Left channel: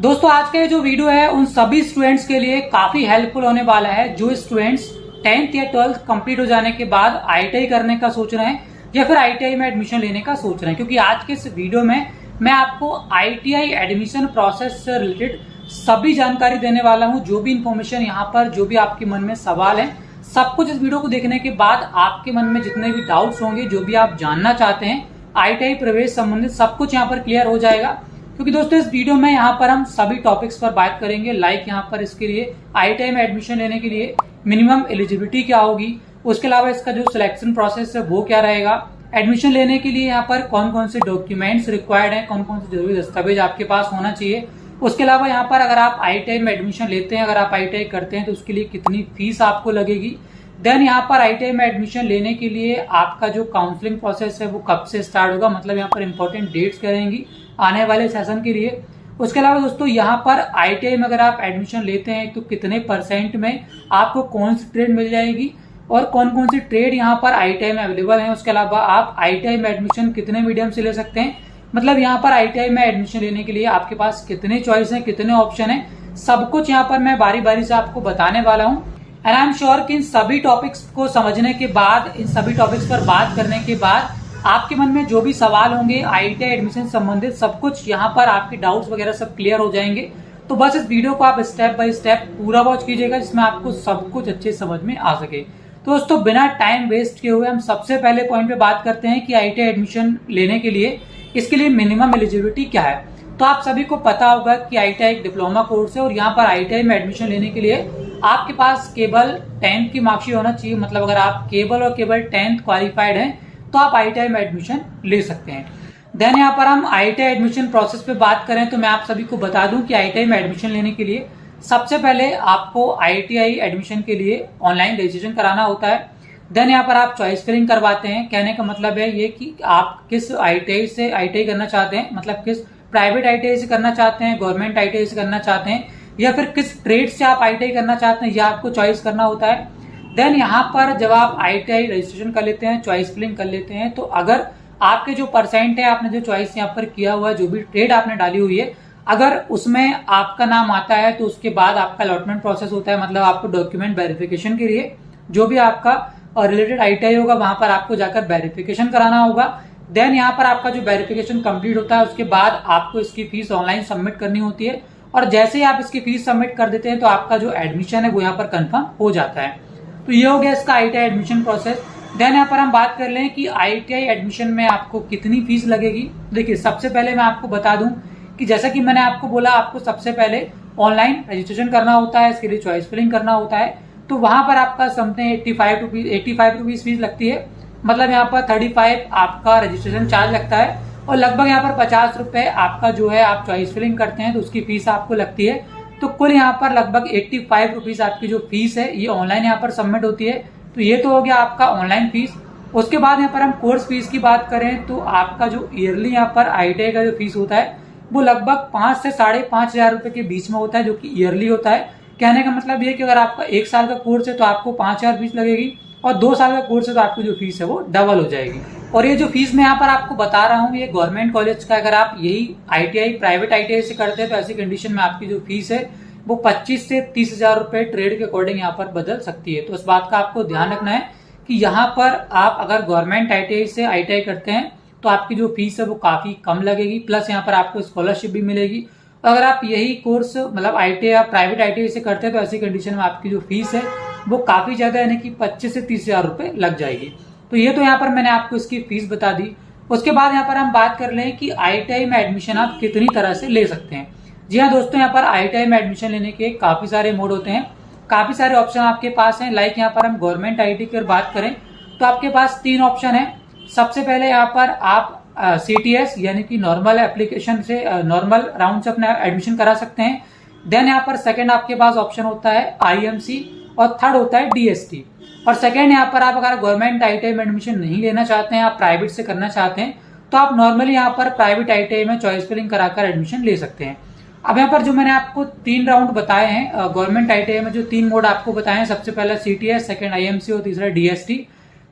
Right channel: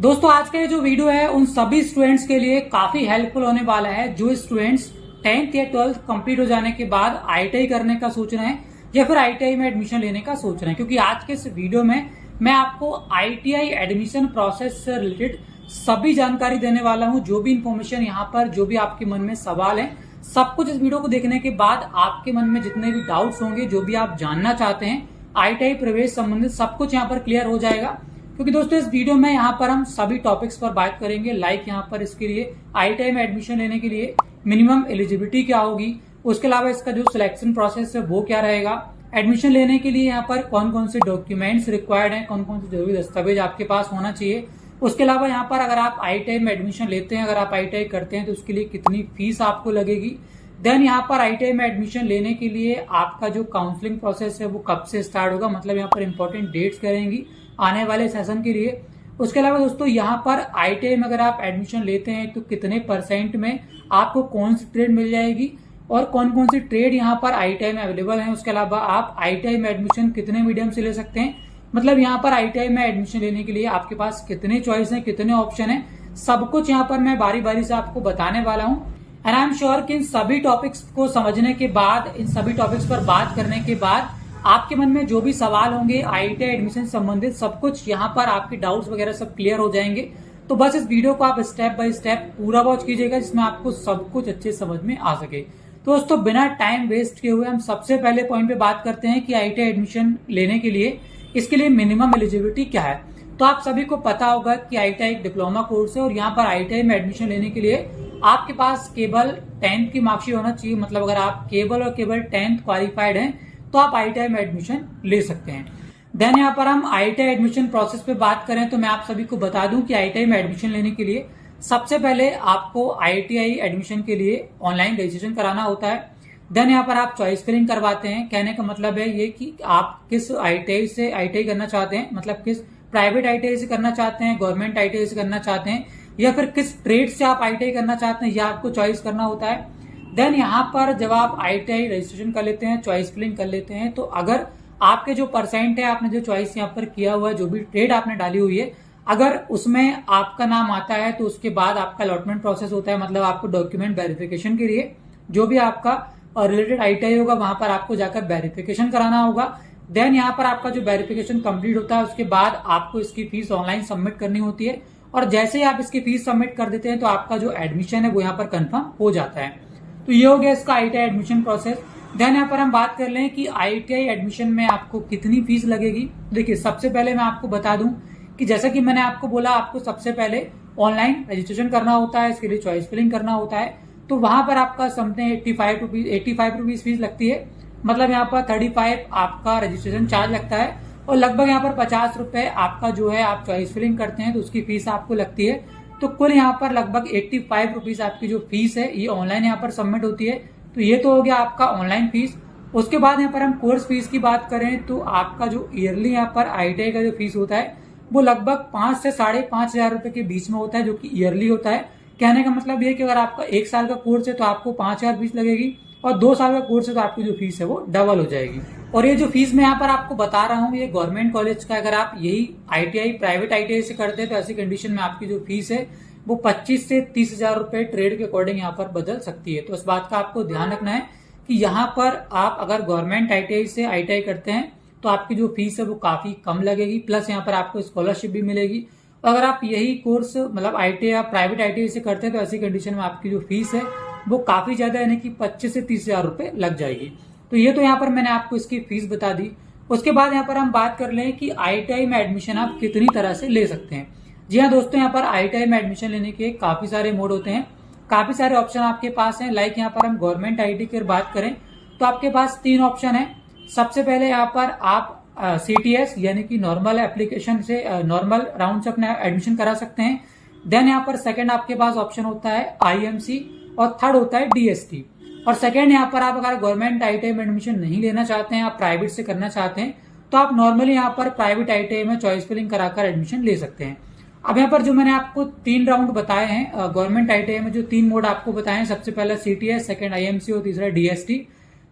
दोस्तों आज का ये जो वीडियो है उन सभी स्टूडेंट्स के लिए काफी हेल्पफुल होने वाला है जो स्टूडेंट्स 10th या 12th कंप्लीट हो जाने के बाद आईटीआई करने का सोच रहे हैं या फिर आईटीआई में एडमिशन लेने का सोच रहे हैं। क्योंकि आज के इस वीडियो में मैं आपको आईटीआई एडमिशन प्रोसेस से रिलेटेड सभी जानकारी देने वाला हूं। जो भी इंफॉर्मेशन यहाँ पर, जो भी आपके मन में सवाल है, सब कुछ इस वीडियो को देखने के बाद आपके मन में जितने भी डाउट्स होंगे, जो भी आप जानना चाहते हैं आईटीआई प्रवेश संबंधित, सब कुछ यहाँ पर क्लियर हो जाएगा। क्योंकि दोस्तों इस वीडियो में यहाँ पर हम सभी टॉपिक्स पर बात करेंगे। लाइक यहाँ पर इसके लिए आईटीआई में एडमिशन लेने के लिए मिनिमम एलिजिबिलिटी क्या होगी, उसके अलावा इसका जो सिलेक्शन प्रोसेस है वो क्या रहेगा, एडमिशन लेने के लिए यहाँ पर कौन कौन से डॉक्यूमेंट्स रिक्वायर्ड हैं, कौन कौन से जरूरी दस्तावेज आपके पास होना चाहिए। उसके अलावा यहाँ पर अगर आप आईटीआई में एडमिशन लेते हैं, अगर आप आईटीआई करते हैं तो उसके लिए कितनी फीस आपको लगेगी। देन यहाँ पर आईटीआई में एडमिशन लेने के लिए आपका जो काउंसलिंग प्रोसेस है वो कब से स्टार्ट होगा, मतलब यहाँ पर इंपॉर्टेंट डेट्स क्या रहेंगी आने वाले सेशन के लिए। उसके अलावा दोस्तों यहाँ पर आईटीआई में अगर आप एडमिशन लेते हैं तो कितने % में आपको कौन सी ट्रेड मिल जाएगी और कौन कौन सी ट्रेड यहाँ पर आईटीआई में अवेलेबल है। उसके अलावा आप आईटीआई में एडमिशन कितने मीडियम से ले सकते हैं, मतलब यहाँ पर आईटीआई में एडमिशन लेने के लिए आपके पास कितने चॉइस हैं, कितने ऑप्शन हैं, सब कुछ यहाँ पर मैं बारी बारी से आपको बताने वाला हूँ। एंड आई एम श्योर कि इन सभी टॉपिक्स को समझने के बाद, इन सभी टॉपिक्स पर बात करने के बाद आपके मन में जो भी सवाल होंगे आईटीआई एडमिशन संबंधित, सब कुछ यहाँ पर आपके डाउट्स वगैरह सब क्लियर हो जाएंगे। तो बस इस वीडियो को आप स्टेप बाय स्टेप पूरा वॉच कीजिएगा जिसमें आपको सब कुछ अच्छे समझ में आ सके। तो दोस्तों बिना टाइम वेस्ट किए हुए हम सबसे पहले पॉइंट पे बात करते हैं कि आईटीआई एडमिशन लेने के लिए इसके लिए मिनिमम एलिजिबिलिटी क्या है। तो आप सभी को पता होगा कि आईटीआई एक डिप्लोमा कोर्स है और यहाँ पर आईटीआई में एडमिशन लेने के लिए आपके पास केवल 10th की मार्कशीट होना चाहिए। मतलब अगर आप केवल और केवल 10th क्वालिफाइड हैं तो आप आईटीआई में एडमिशन ले सकते हैं। देन यहाँ पर हम आईटीआई एडमिशन प्रोसेस पे बात करें तो मैं आप सभी को बता दूं कि आईटीआई में एडमिशन लेने के लिए सबसे पहले आपको आईटीआई एडमिशन के लिए ऑनलाइन रजिस्ट्रेशन कराना होता है। देन यहाँ पर आप चॉइस फिलिंग करवाते हैं। कहने का मतलब है ये कि आप किस आईटीआई से आईटीआई करना चाहते हैं, मतलब किस प्राइवेट आईटीआई से करना चाहते हैं, गवर्नमेंट आईटीआई से करना चाहते हैं, या फिर किस ट्रेड से आप आईटीआई करना चाहते हैं, यह आपको चॉइस करना होता है। देन यहाँ पर जब आप आईटीआई रजिस्ट्रेशन कर लेते हैं, चॉइस फिलिंग कर लेते हैं, तो अगर आपके जो % है, आपने जो चॉइस यहाँ पर किया हुआ है, जो भी ट्रेड आपने डाली हुई है, अगर उसमें आपका नाम आता है तो उसके बाद आपका अलॉटमेंट प्रोसेस होता है। मतलब आपको डॉक्यूमेंट वेरिफिकेशन के लिए जो भी आपका रिलेटेड आईटीआई होगा वहां पर आपको जाकर वेरिफिकेशन कराना होगा। देन यहाँ पर आपका जो वेरिफिकेशन कंप्लीट होता है उसके बाद आपको इसकी फीस ऑनलाइन सबमिट करनी होती है और जैसे ही आप इसकी फीस सबमिट कर देते हैं तो आपका जो एडमिशन है वो यहाँ पर कंफर्म हो जाता है। तो ये हो गया इसका आईटीआई एडमिशन प्रोसेस। देन यहाँ पर हम बात कर लें कि आईटीआई एडमिशन में आपको कितनी फीस लगेगी। देखिए सबसे पहले मैं आपको बता दूं कि जैसा कि मैंने आपको बोला, आपको सबसे पहले ऑनलाइन रजिस्ट्रेशन करना होता है, इसके लिए चॉइस फिलिंग करना होता है। तो वहां पर आपका समथिंग 85 रुपीज फीस लगती है। मतलब यहाँ पर 35 आपका रजिस्ट्रेशन चार्ज लगता है और लगभग यहाँ पर 50 रुपए आपका जो है आप चॉइस फिलिंग करते हैं तो उसकी फीस आपको लगती है। तो कुल यहाँ पर लगभग 85 रुपीज आपकी जो फीस है ये ऑनलाइन यहाँ पर सबमिट होती है। तो ये तो हो गया आपका ऑनलाइन फीस। उसके बाद यहाँ पर हम कोर्स फीस की बात करें तो आपका जो ईयरली यहाँ पर आईटीआई का जो फीस होता है वो लगभग 5 से 5,500 रुपए के बीच में होता है, जो कि ईयरली होता है। कहने का मतलब ये कि अगर आपका 1 साल का कोर्स है तो आपको 5,000 फीस लगेगी और 2 साल का कोर्स है तो आपकी जो फीस है वो डबल हो जाएगी। और ये जो फीस मैं यहाँ पर आपको बता रहा हूँ ये गवर्नमेंट कॉलेज का, अगर आप यही आईटीआई प्राइवेट आईटीआई से करते हैं तो ऐसी कंडीशन में आपकी जो फीस है वो 25 से 30,000 रुपए ट्रेड के अकॉर्डिंग यहाँ पर बदल सकती है। तो इस बात का आपको ध्यान रखना है कि यहाँ पर आप अगर गवर्नमेंट आईटीआई से आईटीआई करते हैं तो आपकी जो फीस है वो काफी कम लगेगी, प्लस यहाँ पर आपको स्कॉलरशिप भी मिलेगी। अगर आप यही कोर्स मतलब आईटीआई या प्राइवेट आईटीआई से करते हैं तो ऐसी कंडीशन में आपकी जो फीस है वो काफी ज्यादा, यानी कि 25 से 30,000 रुपए लग जाएगी। तो ये तो यहाँ पर मैंने आपको इसकी फीस बता दी। उसके बाद यहाँ पर हम बात कर लें कि आईटीआई में एडमिशन आप कितनी तरह से ले सकते हैं। जी हाँ दोस्तों, यहाँ पर आईटीआई में एडमिशन लेने के काफी सारे मोड होते हैं, काफी सारे ऑप्शन आपके पास हैं। लाइक यहाँ पर हम गवर्नमेंट आईटीआई की बात करें तो आपके पास 3 ऑप्शन है। सबसे पहले यहाँ पर आप CTS यानी कि नॉर्मल एप्लीकेशन से नॉर्मल राउंड से अपना एडमिशन करा सकते हैं। देन यहाँ पर सेकंड आपके पास ऑप्शन होता है IMC और थर्ड होता है DST। और सेकंड यहाँ पर आप अगर गवर्नमेंट आईटीआई में एडमिशन नहीं लेना चाहते हैं, आप प्राइवेट से करना चाहते हैं, तो आप नॉर्मली यहाँ पर प्राइवेट आईटीआई में चॉइस फिलिंग कराकर एडमिशन ले सकते हैं। अब यहाँ पर जो मैंने आपको 3 राउंड बताए हैं गवर्नमेंट आईटीआई में, जो 3 मोड आपको बताए हैं, सबसे पहला CTS, सेकंड IMC और तीसरा DST।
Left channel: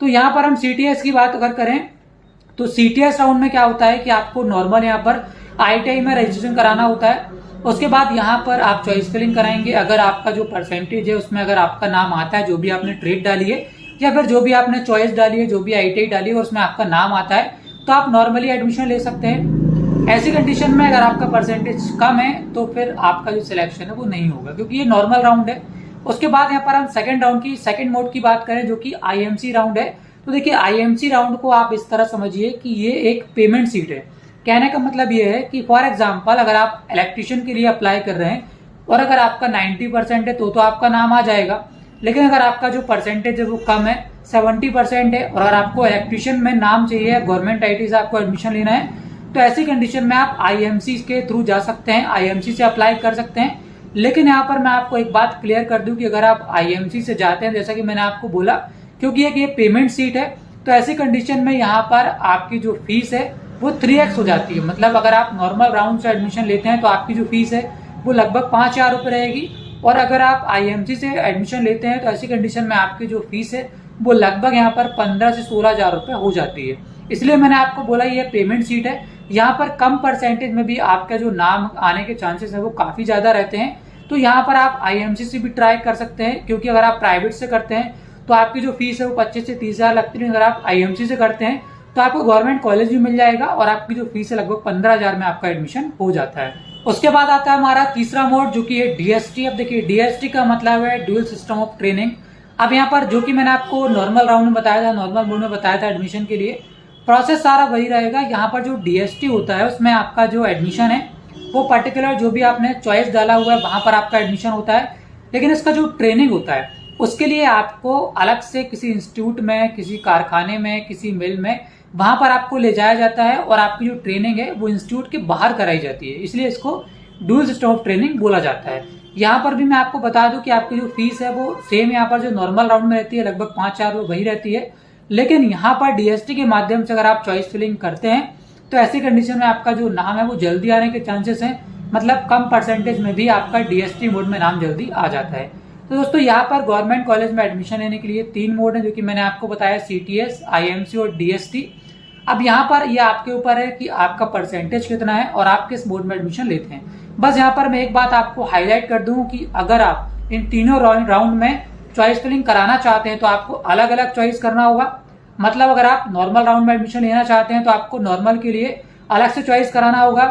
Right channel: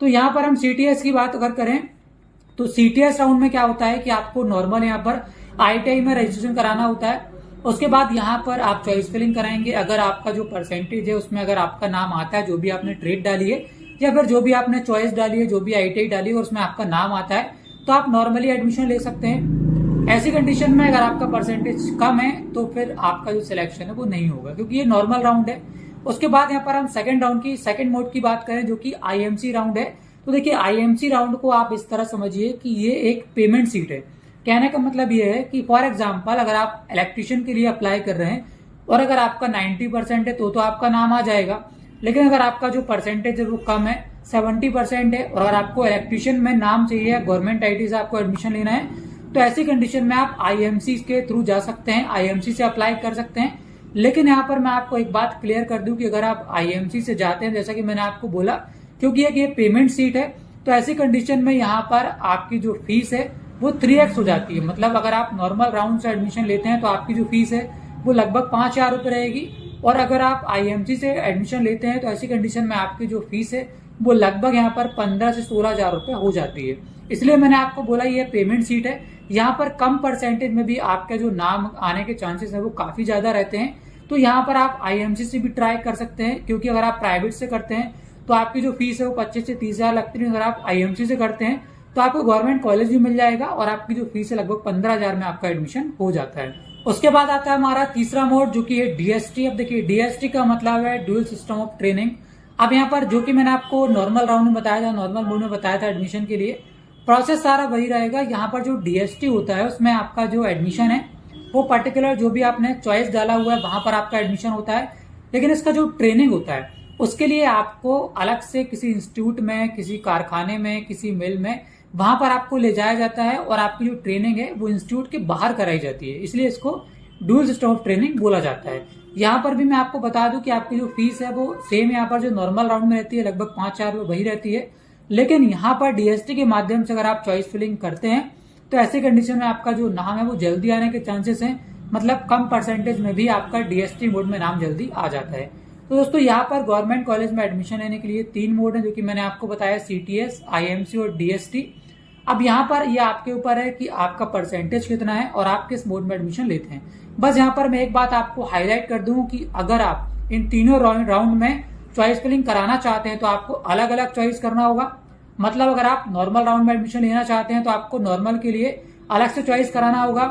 तो यहाँ पर हम CTS की बात अगर करें तो CTS राउंड में क्या होता है कि आपको नॉर्मल यहाँ पर IITI में रजिस्ट्रेशन कराना होता है। उसके बाद यहाँ पर आप चॉइस फिलिंग कराएंगे। अगर आपका जो परसेंटेज है उसमें अगर आपका नाम आता है, जो भी आपने ट्रेड डाली है या फिर जो भी आपने चॉइस डाली है, जो भी IITI डाली है और उसमें आपका नाम आता है, तो आप नॉर्मली एडमिशन ले सकते हैं। ऐसी कंडीशन में अगर आपका परसेंटेज कम है तो फिर आपका जो सिलेक्शन है वो नहीं होगा, क्योंकि ये नॉर्मल राउंड है। उसके बाद यहाँ पर हम सेकंड मोड की बात करें, जो कि IMC राउंड है। तो देखिए IMC राउंड को आप इस तरह समझिए कि ये एक पेमेंट सीट है। कहने का मतलब ये है कि फॉर एग्जाम्पल अगर आप इलेक्ट्रिशियन के लिए अप्लाई कर रहे हैं और अगर आपका 90% है तो आपका नाम आ जाएगा। लेकिन अगर आपका जो परसेंटेज है वो कम है, 70% है, और अगर आपको इलेक्ट्रिशियन में नाम चाहिए, गवर्नमेंट IIT से आपको एडमिशन लेना है, तो ऐसी कंडीशन में आप IMC के थ्रू जा सकते हैं, IMC से अप्लाई कर सकते हैं। लेकिन यहाँ पर मैं आपको एक बात क्लियर कर दूं कि अगर आप IMC से जाते हैं, जैसा कि मैंने आपको बोला, क्योंकि ये पेमेंट सीट है, तो ऐसी कंडीशन में यहाँ पर आपकी जो फीस है वो 3x हो जाती है। मतलब अगर आप नॉर्मल राउंड से एडमिशन लेते हैं तो आपकी जो फीस है वो लगभग 5,000 रुपए रहेगी, और अगर आप IMC से एडमिशन लेते हैं तो ऐसी कंडीशन में आपकी जो फीस है वो लगभग यहाँ पर 15 से 16,000 रुपए हो जाती है। इसलिए मैंने आपको बोला ये पेमेंट सीट है। यहाँ पर कम परसेंटेज में भी आपका जो नाम आने के चांसेस है वो काफी ज्यादा रहते हैं। तो यहाँ पर आप IMC से भी ट्राई कर सकते हैं, क्योंकि अगर आप प्राइवेट से करते हैं तो आपकी जो फीस है वो 25 से 30,000 लगती है। अगर आप IMC से करते हैं तो आपको गवर्नमेंट कॉलेज भी मिल जाएगा और आपकी जो फीस है लगभग 15,000 में आपका एडमिशन हो जाता है। उसके बाद आता है हमारा तीसरा मोड, जो कि है DST। अब देखिए DST का मतलब है ड्यूअल सिस्टम ऑफ ट्रेनिंग। अब यहाँ पर जो कि मैंने आपको नॉर्मल राउंड में बताया था, नॉर्मल मोड में बताया था एडमिशन के लिए, प्रोसेस सारा वही रहेगा। यहाँ पर जो DST होता है उसमें आपका जो एडमिशन है वो पर्टिकुलर जो भी आपने चॉइस डाला हुआ है वहां पर आपका एडमिशन होता है। लेकिन इसका जो ट्रेनिंग होता है उसके लिए आपको अलग से किसी इंस्टीट्यूट में, किसी कारखाने में, किसी मिल में, वहां पर आपको ले जाया जाता है और आपकी जो ट्रेनिंग है वो इंस्टीट्यूट के बाहर कराई जाती है। इसलिए इसको ड्यूअल सिस्टम ऑफ ट्रेनिंग बोला जाता है। यहाँ पर भी मैं आपको बता दूं कि आपकी जो फीस है वो सेम यहाँ पर जो नॉर्मल राउंड में रहती है, लगभग 5,000 वही रहती है। लेकिन यहाँ पर DST के माध्यम से अगर आप चॉइस फिलिंग करते हैं तो ऐसी कंडीशन में आपका जो नाम है वो जल्दी आने के चांसेस हैं। मतलब कम परसेंटेज में भी आपका DST मोड में नाम जल्दी आ जाता है। तो दोस्तों यहाँ पर गवर्नमेंट कॉलेज में एडमिशन लेने के लिए 3 मोड है, जो कि मैंने आपको बताया, CTS, IMC और DST। अब यहाँ पर यह आपके ऊपर है कि आपका परसेंटेज कितना है और आप किस मोड में एडमिशन लेते हैं। बस यहाँ पर मैं एक बात आपको हाईलाइट कर दूं कि अगर आप इन तीनों राउंड में चॉइस फिलिंग कराना चाहते हैं तो आपको अलग अलग चॉइस करना होगा। मतलब अगर आप नॉर्मल राउंड में एडमिशन लेना चाहते हैं तो आपको नॉर्मल के लिए अलग से चॉइस कराना होगा।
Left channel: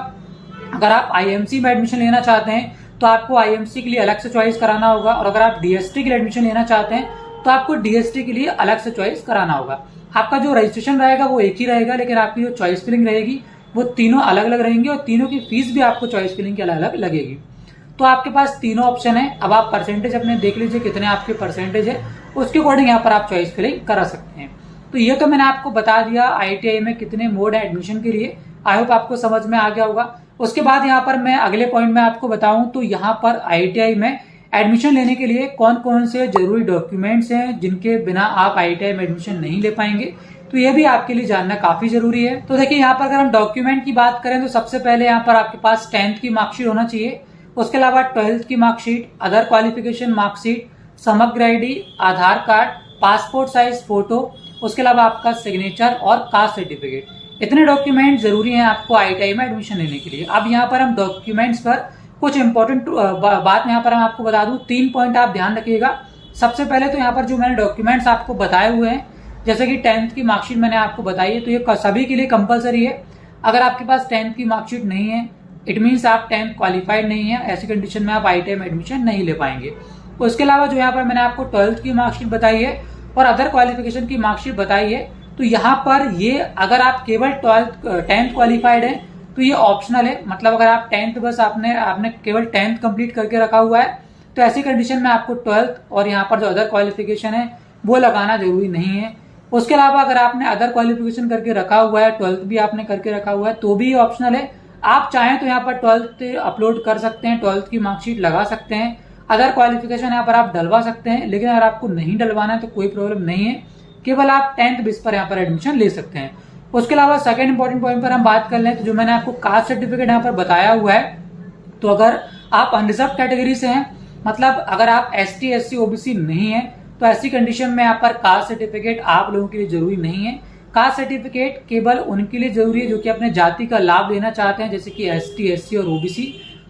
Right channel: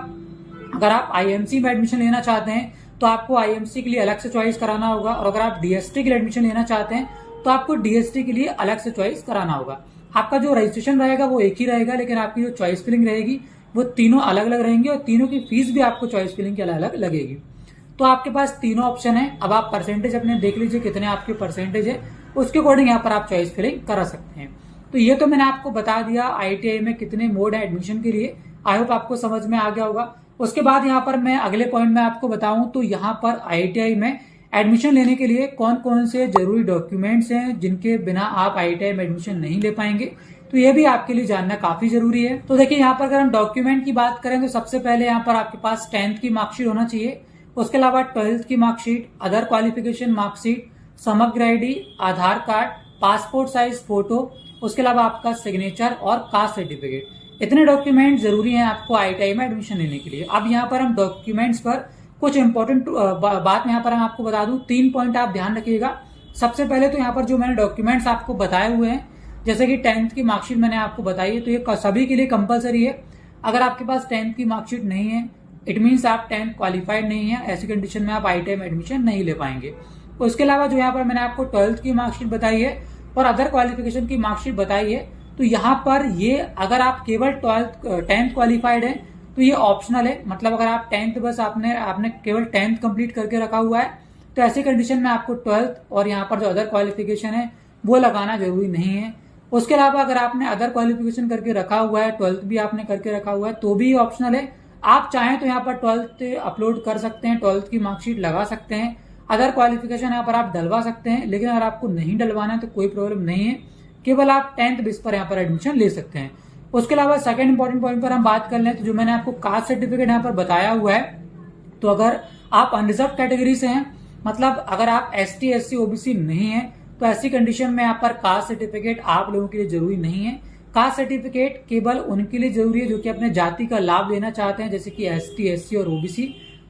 अगर आप IMC में एडमिशन लेना चाहते हैं तो आपको IMC के लिए अलग से चॉइस कराना होगा, और अगर आप DST के लिए एडमिशन लेना चाहते हैं तो आपको DST के लिए अलग से चॉइस कराना होगा। आपका जो रजिस्ट्रेशन रहेगा वो एक ही रहेगा, लेकिन आपकी जो चॉइस फिलिंग रहेगी वो तीनों अलग अलग रहेंगी, और तीनों की फीस भी आपको चॉइस फिलिंग की अलग अलग लगेगी। तो आपके पास तीनों ऑप्शन है। अब आप परसेंटेज अपने देख लीजिए कितने आपके परसेंटेज है, उसके अकॉर्डिंग यहाँ पर आप चॉइस फिलिंग करा सकते हैं। तो ये तो मैंने आपको बता दिया IITI में कितने मोड है एडमिशन के लिए। आई होप आपको समझ में आ गया होगा। उसके बाद यहाँ पर मैं अगले पॉइंट में आपको बताऊं तो यहाँ पर IITI में एडमिशन लेने के लिए कौन कौन से जरूरी डॉक्यूमेंट्स हैं जिनके बिना आप IITI में एडमिशन नहीं ले पाएंगे, तो ये भी आपके लिए जानना काफी जरूरी है। तो देखिए यहाँ पर अगर हम डॉक्यूमेंट की बात करें तो सबसे पहले यहाँ पर आपके पास 10th की मार्कशीट होना चाहिए। उसके अलावा 12th की मार्कशीट, अदर क्वालिफिकेशन मार्कशीट, समग्र ID, आधार कार्ड, पासपोर्ट साइज फोटो, उसके अलावा आपका सिग्नेचर और कास्ट सर्टिफिकेट। इतने डॉक्यूमेंट जरूरी हैं आपको IITI में एडमिशन लेने के लिए। अब यहाँ पर हम डॉक्यूमेंट्स पर कुछ इंपॉर्टेंट बात यहाँ पर हम आपको बता दूं, 3 पॉइंट आप ध्यान रखिएगा। सबसे पहले तो यहाँ पर जो मैंने डॉक्यूमेंट्स आपको बताए हुए हैं, जैसे कि 10th की मार्कशीट मैंने आपको बताई है, तो ये सभी के लिए कंपलसरी है। अगर आपके पास 10th की मार्कशीट नहीं है, इट मीन्स आप 10th क्वालिफाइड नहीं है, ऐसी कंडीशन में आप IITI में एडमिशन नहीं ले पाएंगे। उसके अलावा जो यहाँ पर मैंने आपको 12th की मार्कशीट बताई है और अदर क्वालिफिकेशन की मार्कशीट बताई है, तो यहाँ पर ये अगर आप केवल 10th क्वालिफाइड है तो ये ऑप्शनल है। मतलब अगर आप 10th बस आपने केवल 10th कंप्लीट करके रखा हुआ है तो ऐसी कंडीशन में आपको 12th और यहाँ पर जो अदर क्वालिफिकेशन है वो लगाना जरूरी नहीं है। उसके अलावा अगर आपने अदर क्वालिफिकेशन करके रखा हुआ है, 12th भी आपने करके रखा हुआ है, तो भी ऑप्शनल है। आप चाहें तो यहाँ पर 12th अपलोड कर सकते हैं, 12th की मार्कशीट लगा सकते हैं, अदर क्वालिफिकेशन यहाँ पर आप डलवा सकते हैं। लेकिन अगर आपको नहीं डलवाना है तो कोई प्रॉब्लम नहीं है, केवल आप 10th बेस पर यहाँ पर एडमिशन ले सकते हैं। उसके अलावा सेकंड इंपॉर्टेंट पॉइंट पर हम बात कर लें तो जो मैंने आपको कास्ट सर्टिफिकेट यहाँ पर बताया हुआ है, तो अगर आप अनरिजर्व कैटेगरी से हैं, मतलब अगर आप ST SC OBC नहीं है, तो ऐसी कंडीशन में यहाँ पर कास्ट सर्टिफिकेट आप लोगों के लिए जरूरी नहीं है। कास्ट सर्टिफिकेट केवल उनके लिए जरूरी है जो कि अपने जाति का लाभ लेना चाहते हैं, जैसे कि ST, SC और OBC।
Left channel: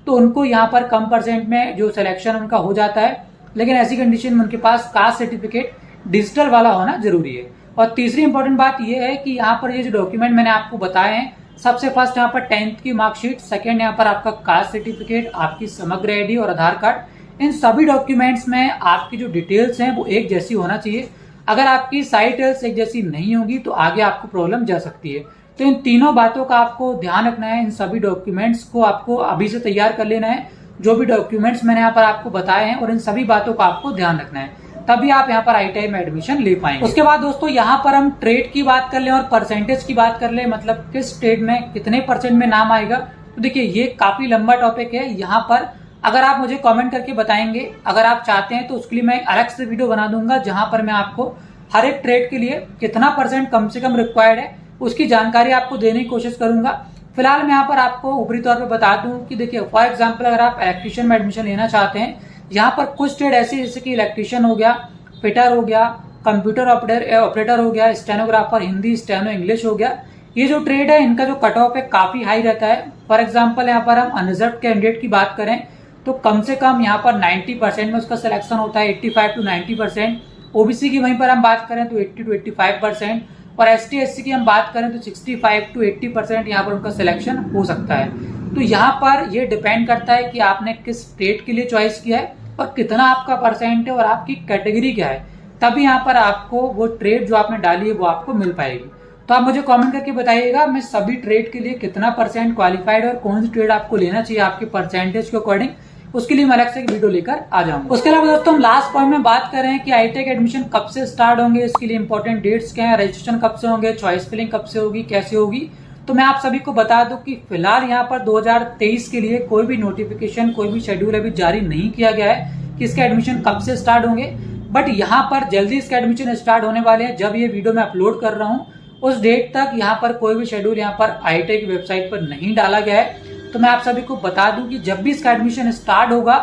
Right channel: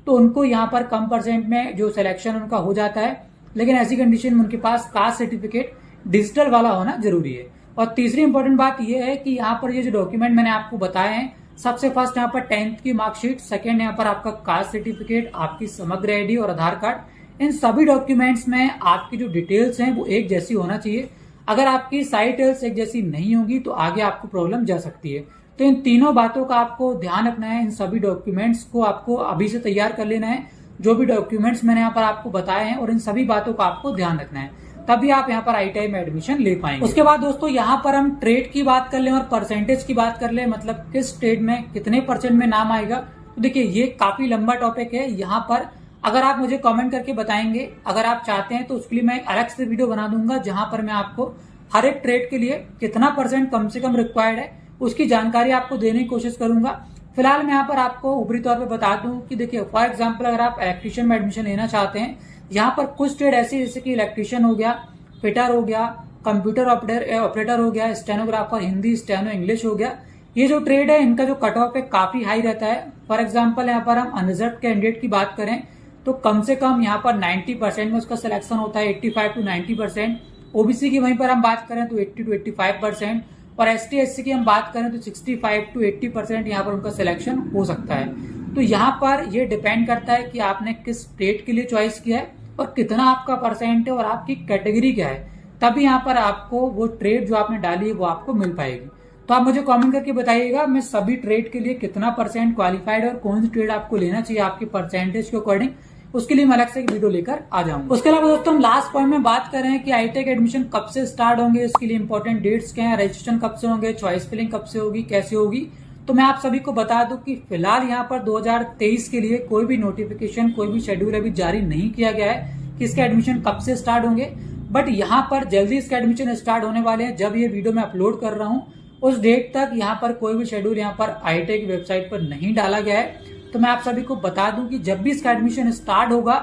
तो उनको यहाँ पर कम परसेंट में जो सिलेक्शन उनका हो जाता है, लेकिन ऐसी कंडीशन में उनके पास कास्ट सर्टिफिकेट डिजिटल वाला होना जरूरी है। और तीसरी इंपॉर्टेंट बात यह है कि यहाँ पर ये जो डॉक्यूमेंट मैंने आपको बताए हैं, सबसे फर्स्ट यहाँ पर 10th की मार्कशीट, सेकंड यहाँ पर आपका कास्ट सर्टिफिकेट, आपकी समग्र ID और आधार कार्ड। इन सभी डॉक्यूमेंट्स में आपकी जो डिटेल्स हैं वो एक जैसी होना चाहिए। अगर आपकी साइट एक जैसी नहीं होगी तो आगे आपको प्रॉब्लम जा सकती है। तो इन तीनों बातों का आपको ध्यान रखना है। इन सभी डॉक्यूमेंट्स को आपको अभी से तैयार कर लेना है, जो भी डॉक्यूमेंट्स मैंने यहाँ पर आपको बताए हैं, और इन सभी बातों का आपको ध्यान रखना है, तभी आप यहाँ पर ITI में एडमिशन ले पाएंगे। उसके बाद दोस्तों यहाँ पर हम ट्रेड की बात कर लें और परसेंटेज की बात कर लें, मतलब किस ट्रेड में कितने % में नाम आएगा। तो देखिए ये काफी लंबा टॉपिक है। यहाँ पर अगर आप मुझे कमेंट करके बताएंगे, अगर आप चाहते हैं तो उसके लिए मैं अलग से वीडियो बना दूंगा, जहां पर मैं आपको हर एक ट्रेड के लिए कितना % कम से कम रिक्वायर्ड है उसकी जानकारी आपको देने की कोशिश करूंगा। फिलहाल मैं यहाँ पर आपको ऊपरी तौर पर बता दूं कि देखिए फॉर एग्जाम्पल अगर आप इलेक्ट्रीशियन में एडमिशन लेना चाहते हैं, यहाँ पर कुछ ट्रेड ऐसी जैसे कि इलेक्ट्रीशियन हो गया, फिटर हो गया, कंप्यूटर ऑपरेटर हो गया, स्टेनोग्राफर हिंदी, स्टेनो इंग्लिश हो गया। ये जो ट्रेड है इनका जो कट ऑफ है काफी हाई रहता है। फॉर एग्जाम्पल यहाँ पर हम अनरिजर्व कैंडिडेट की बात करें तो कम से कम यहाँ पर 90% में उसका सिलेक्शन होता है, 85 to 90%। OBC की वहीं पर हम बात करें तो 80 to 85%, और ST SC की हम बात करें तो 65 to 80% यहाँ पर उनका सिलेक्शन हो सकता है। तो यहाँ पर ये डिपेंड करता है कि आपने किस ट्रेड के लिए चॉइस किया है और कितना आपका % है और आपकी कैटेगरी क्या है, तभी यहाँ पर आपको वो ट्रेड जो आपने डाली है वो आपको मिल पाएगी। तो आप मुझे कमेंट करके बताइएगा मैं सभी ट्रेड के लिए कितना % क्वालिफाइड और कौन सी ट्रेड आपको लेना चाहिए आपके % के अकॉर्डिंग, उसके लिए मैं अलग से एक वीडियो लेकर आ जाऊंगा। उसके अलावा दोस्तों हम लास्ट पॉइंट में बात कर रहे हैं कि ITI के एडमिशन कब से स्टार्ट होंगे, इसके लिए इंपॉर्टेंट डेट्स क्या है, रजिस्ट्रेशन कब से होंगे, चॉइस फिलिंग कब से होगी, कैसे होगी। तो मैं आप सभी को बता दूं कि फिलहाल यहाँ पर 2023 के लिए कोई भी नोटिफिकेशन, कोई भी शेड्यूल अभी जारी नहीं किया गया है कि इसके एडमिशन कब से स्टार्ट होंगे। बट यहाँ पर जल्दी इसके एडमिशन स्टार्ट होने वाले हैं। जब ये वीडियो मैं अपलोड कर रहा हूँ उस डेट तक यहाँ पर कोई भी शेड्यूल यहाँ पर ITI की वेबसाइट पर नहीं डाला गया है। तो मैं आप सभी को बता दूं कि जब भी इसका एडमिशन स्टार्ट होगा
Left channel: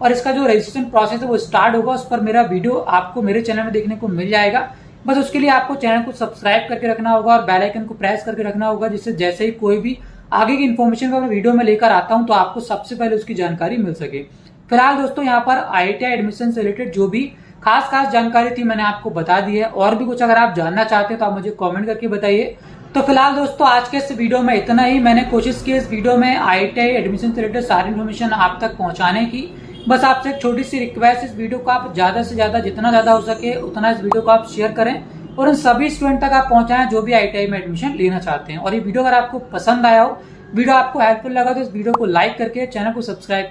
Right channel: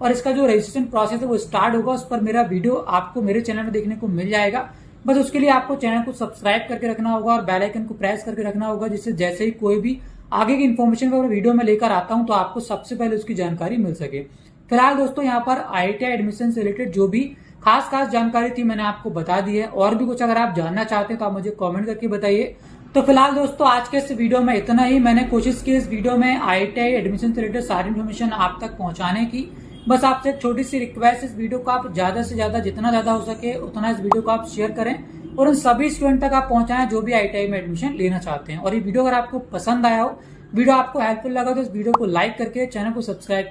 और इसका जो रजिस्ट्रेशन प्रोसेस है वो स्टार्ट होगा, उस पर मेरा वीडियो आपको मेरे चैनल में देखने को मिल जाएगा। बस उसके लिए आपको चैनल को सब्सक्राइब करके रखना होगा और बेल आइकन को प्रेस करके रखना होगा, जिससे जैसे ही कोई भी आगे की इन्फॉर्मेशन को वीडियो में लेकर आता हूं तो आपको सबसे पहले उसकी जानकारी मिल सके। फिलहाल दोस्तों यहाँ पर ITI एडमिशन से रिलेटेड जो भी खास जानकारी थी मैंने आपको बता दी है। और भी कुछ अगर आप जानना चाहते हैं तो आप मुझे कमेंट करके बताइए। तो फिलहाल दोस्तों आज के इस वीडियो में इतना ही। मैंने कोशिश की इस वीडियो में ITI एडमिशन से रिलेटेड सारी इन्फॉर्मेशन आप तक पहुंचाने की। बस आपसे एक छोटी सी रिक्वेस्ट, इस वीडियो को आप ज्यादा से ज्यादा जितना ज्यादा हो सके उतना इस वीडियो को आप शेयर करें और उन सभी स्टूडेंट तक आप पहुंचाएं जो भी ITI में एडमिशन लेना चाहते हैं। और ये वीडियो अगर आपको पसंद आया हो, वीडियो आपको हेल्पफुल लगा तो इस वीडियो को लाइक करके चैनल को सब्सक्राइब